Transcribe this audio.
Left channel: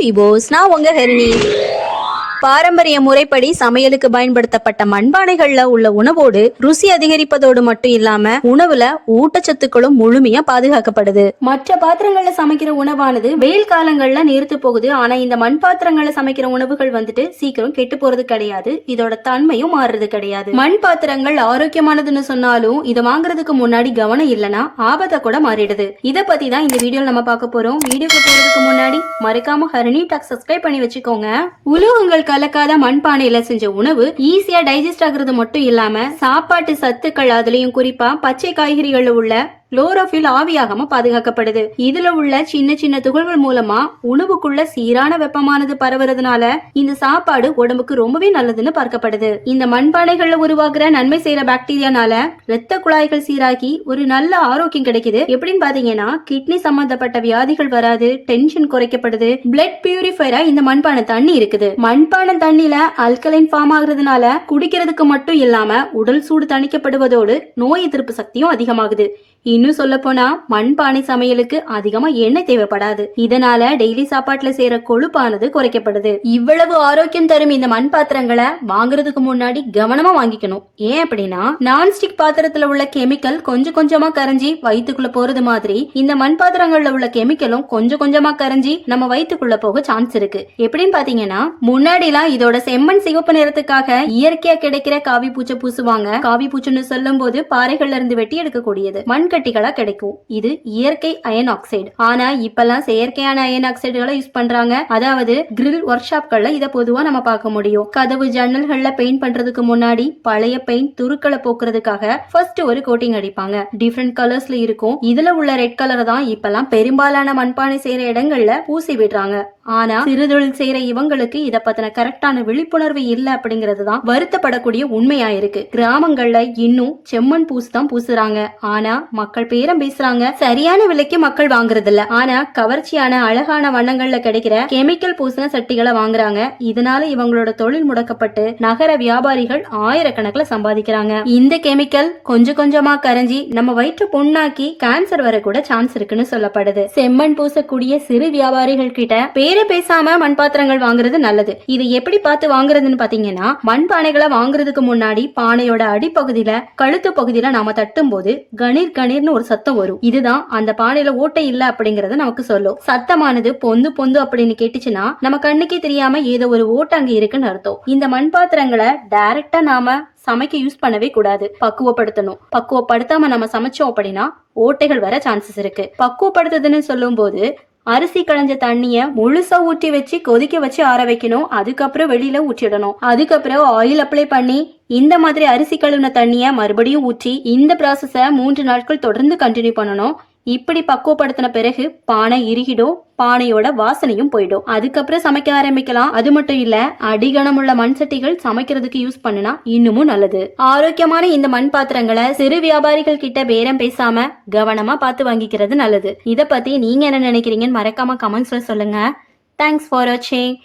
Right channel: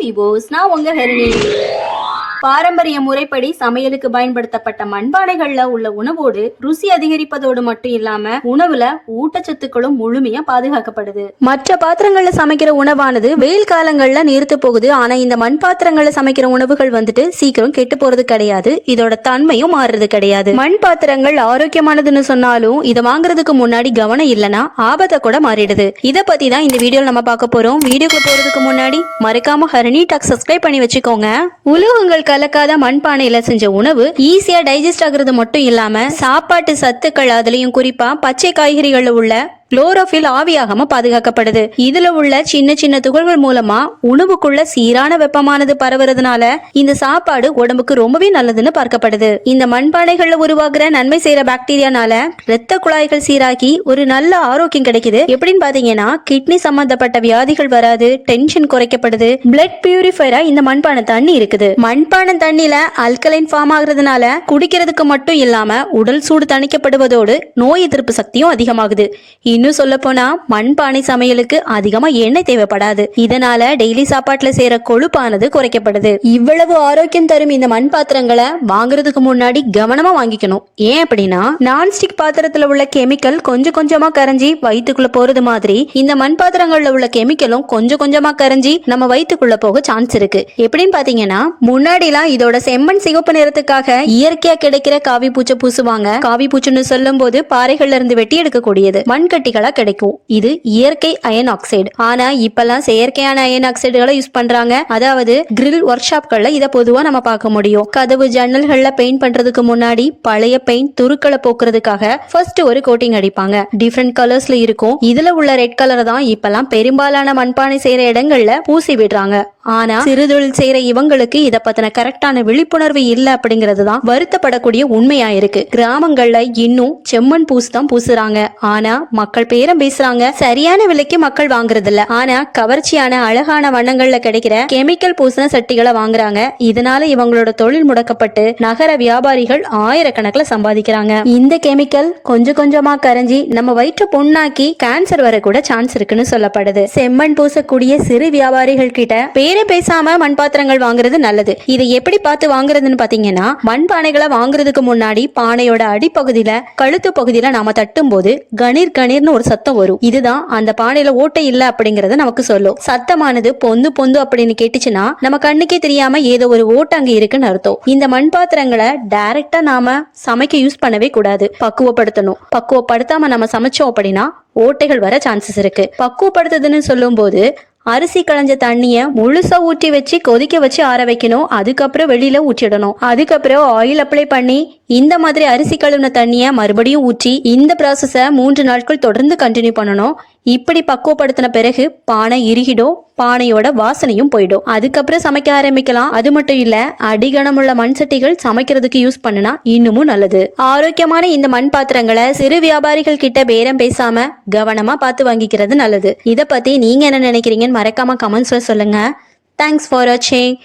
விபோஸ் நான் உங்க ஹரிணி பாரம்பரிய முறைப்படி சமையலுக்கு பயன்படுத்தப்பட்ட மண்பானைகள்ல உள்ள உணவோடு ருசி அதிகரிப்பதோடு மட்டும் இல்லாம உணவுல ஊட்டச்சத்துக்களும் முழுமையா பாதுகாக்கப்படுது. மற்ற பாத்திரங்கள்ல சமைக்கிற உணவானது வெயில் காலங்கள்ல நீர்த்து போகுது. ஆனா இந்த மண் பாத்திரங்கள்ல சமைக்கிற உணவுகள் வந்துட்டு சீக்கிரம் கெட்டு போறது கிடையாது. இதோட தன்மையும் மாறுறது கிடையாது. மண் பாத்திரங்கள் ஆரோக்கியமானதுன்னு சொன்னாலும் இதை வாங்குறதுக்கு முன்னாடி கவனம் இல்லனா ஆபத்தை கூட மாறிடுது. இத பத்தி தான் இந்த வீடியோ நம்ம பார்க்க போறோம். வீடியோக்கு போறதுக்கு முன்னாடி மறக்காம ஹரணி டாக் சப்ஸ்கிரைப் பண்ணி வச்சுக்கோங்க. உலகங்கள் கலக்காத மண்பானையில செஞ்ச உணவு ஈஸியா டைஜஸ்ட் ஆகுறது மட்டும் இல்லாம சாப்பாட்டு சத்துக்கள் அதுலயும் குறிப்பா பச்சை காய்கறிகள்ல உள்ள குளோரோஃபில் ஆவியாகாம பாதுகாக்கப்படுது. இதுல உள்ள சின்ன சின்ன துகள்கள் மூலமா உணவுக்குள்ள சீரான வெப்பமானது பரவுறதுனால இந்த சாப்பாடு உடம்புக்கு ரொம்பவே நல்லதுன்னு பார்க்கப்படுது. இந்த மண்பானைகள்ல உருவாகிற நன்மை செய்யற பாக்டீரியானால ரத்த குழாய்கள் சீராகி ஒரு நல்ல ஆரோக்கியம் கிடைக்குது. எப்படின்னு பாத்தீங்கன்னா கிட்னி சம்பந்தப்பட்ட வியாதிகள் வராது டென்ஷன் குறைக்கப்படுது பிளட் பியூரிஃபைரா இந்த மண்பானை தண்ணி இருக்குது. மண்பானை தண்ணில அல்கலைன் ஃபார்ம் ஆகுறதுனால குடிக்கிறதுக்கு மட்டும் இல்லாம உடல் சூடு தணிக்கப்படுவதோடு நோய் எதிர்ப்பு சக்தியும் அதிகமாகுது. இன்னும் சொல்ல போனா மண்பானை சமையலுக்கு அதிகமா எண்ணெய் தேவைப்படாது. இதனால டெய்லி சாப்பாட்டுல சேர கொழுப்பானது குறைக்கப்படுது. இவ்வளவு ஆரோக்கியம் தரும் இந்த மண் பாத்திரங்களை வாங்குறதுக்கு முன்னாடி கவனமா வாங்கிக்கணும். ஏன் அப்படின்னா நான்ஸ்டிக் பாத்திரத்துல உள்ள கெமிக்கல் கொஞ்சம் கொஞ்சமா கரைஞ்சி வயிற்றுக்குள்ள போறது மாதிரி இந்த மண் பாத்திரங்கள்ல உள்ள கெமிக்கலும் கொஞ்சம் கொஞ்சமா கரைஞ்சி நம்ம வயிற்றுக்குள்ள போக சான்ஸ் இருக்கு. எப்படின்னு பாத்தீங்கன்னா முன்னாடிலாம் இதோட செம்மண் சிவப்பு நிறத்துக்காக இயற்கையா கிடைக்கிற காவி பூச்சை பூசுவாங்க. காவி பூச்சுன்னு சொல்லும் போது பாறைகள்ல இருந்து வெட்டி எடுக்கக்கூடியது. மண்கட்டிகளா கிடைக்கும். இது இயற்கை அயன் ஆக்சைடு. ஆனா இப்பெல்லாம் செயற்கையான அயன் ஆக்சைடுகளை யூஸ் பண்றாங்க. அதாவது கிரில் ஒர்க் ஷாப்கள்ல இதை பொதுவா நம்ம பார்க்க முடியும். கதவு ஜன்னல்கள்ல பெயிண்ட் பண்றதுக்கு முன்னாடி பழைய பெயிண்ட் துருக்களை போக்குறதுக்காக ஃபர்ஸ்ட் ஒரு கோட்டிங் அடிப்பாங்க. டிஃப்ரெண்ட் கலர்ஸ்ல இருக்கும். இதுல உள்ள ரெட் கலர் தான் இப்பெல்லாம் பெரும்பாலான மண்பானை செய்யற இடங்கள்ல பூசி விடுறாங்க. ஆனா சிறுதொழில் செய்யற இவங்களுக்கு இத பத்தின கரெக்டான விழிப்புணர்வு இல்ல அப்படிங்கிறது தான் வருத்தப்படக்கூடிய உண்மையா இருக்கு. கிராமங்கள்ல இன்னும் செம்மண் பூசு தான் பூசுறாங்க. ஆனா மக்கள் பேரம் பேசுறாங்க. சரியான விலைக்கு மக்கள் வாங்குறது இல்ல ஆனா கவர்ச்சியான அழகான வண்ணங்கள்ல கிடைக்கிற கெமிக்கல் பூசின சட்டிகளை வாங்குறாங்க. இதனால இவங்களோட தொழில் முடக்கப்பட்டு நகர வியாபாரிகள் ஆயிரக்கணக்கில் சம்பாதிக்கிறாங்க. இந்த கெமிக்கல் கொஞ்சம் கொஞ்சமா கரைஞ்சி நம்ம வயிற்று புண்ணாக்கி கேன்சர் வர கூட சான்ஸ் இருக்குன்னு சொல்லப்படுது. செம்மண் பூசக்கூடிய சிறு வியாபாரிகள் கிட்ட பேரே பேசாம மண் பாத்திரங்கள் வாங்குறது நல்லது. இதை எப்படி பார்த்து வாங்குறதுன்னு பாத்தீங்கன்னா மண் பானைகளை வாங்குறதுக்கு முன்னாடி பானையோட அடிப்பகுதியில கழுத்து பகுதியில நாம தட்டும் போது கணீர் கணீர்னு ஒரு சத்தம் வரும். இதுதான் அந்த பானையில ஓட்டை இல்ல அப்படிங்கறத நமக்கு சொல்லும். சத்தமானது பொந்து பொந்து அப்படின்னு கேட்டுச்சுன்னா நம்ம கண்ணுக்கே தெரியாம ஏதோ ஒரு ஓட்டை அங்க இருக்குன்னு அர்த்தம். இந்த மண் பாத்திரங்களை டைரக்டா நாம சமைக்க யூஸ் பண்ணவே கூடாது. பக்குவப்படுத்தணும். பக்குவப்படுத்தாம நம்ம சமைச்சோம் அப்படின்னா ஓட்டைகள் வர சான்சஸ் இருக்கு. பக்குவப்படுத்துதுன்னு சொல்லும்போது அரிசி களைஞ்ச தண்ணிய முழுசா ஊற்றி வச்சு கொதிக்க வச்சு ஆற வைக்கணும். அதுக்கப்புறம் வெளியில ஊற்றிடணும். அதுக்கப்புறம் ஆயில் அப்ளை பண்ணி இந்த மாதிரி அரிசி கழுவின தண்ணிய மறுபடியும் ஊற்றி இந்த ப்ராசஸ மூன்று நாட்கள் தொடர்ந்து கண்டினியூ பண்ணணும். இப்படி பக்குவப்படுத்தின பிறகு பானை இறுகிடும் பானையோட வாசனையும் போயிடும் அதுக்கப்புறம் சமைக்க ஆரம்பிக்கலாம். அது மட்டும் இல்ல அடிகணமுள்ள மண் சட்டிகள் சமைக்கிறதுக்கு யூஸ் பண்ணனா இன்னமும் நல்லது. ஆரோக்கியமான இந்த மண் பாத்திரங்களை சிறு வியாபாரிகள் கிட்ட பேரம் பேசாம கவனமா பார்த்து வாங்கிக்கிறது நல்லது. இத பத்தி நீங்க என்ன நினைக்கிறீங்கன்னு மறக்காம கமெண்ட்ஸ்ல சொல்லுங்க. தேங்க்ஸ் ஃபார் வாட்சிங்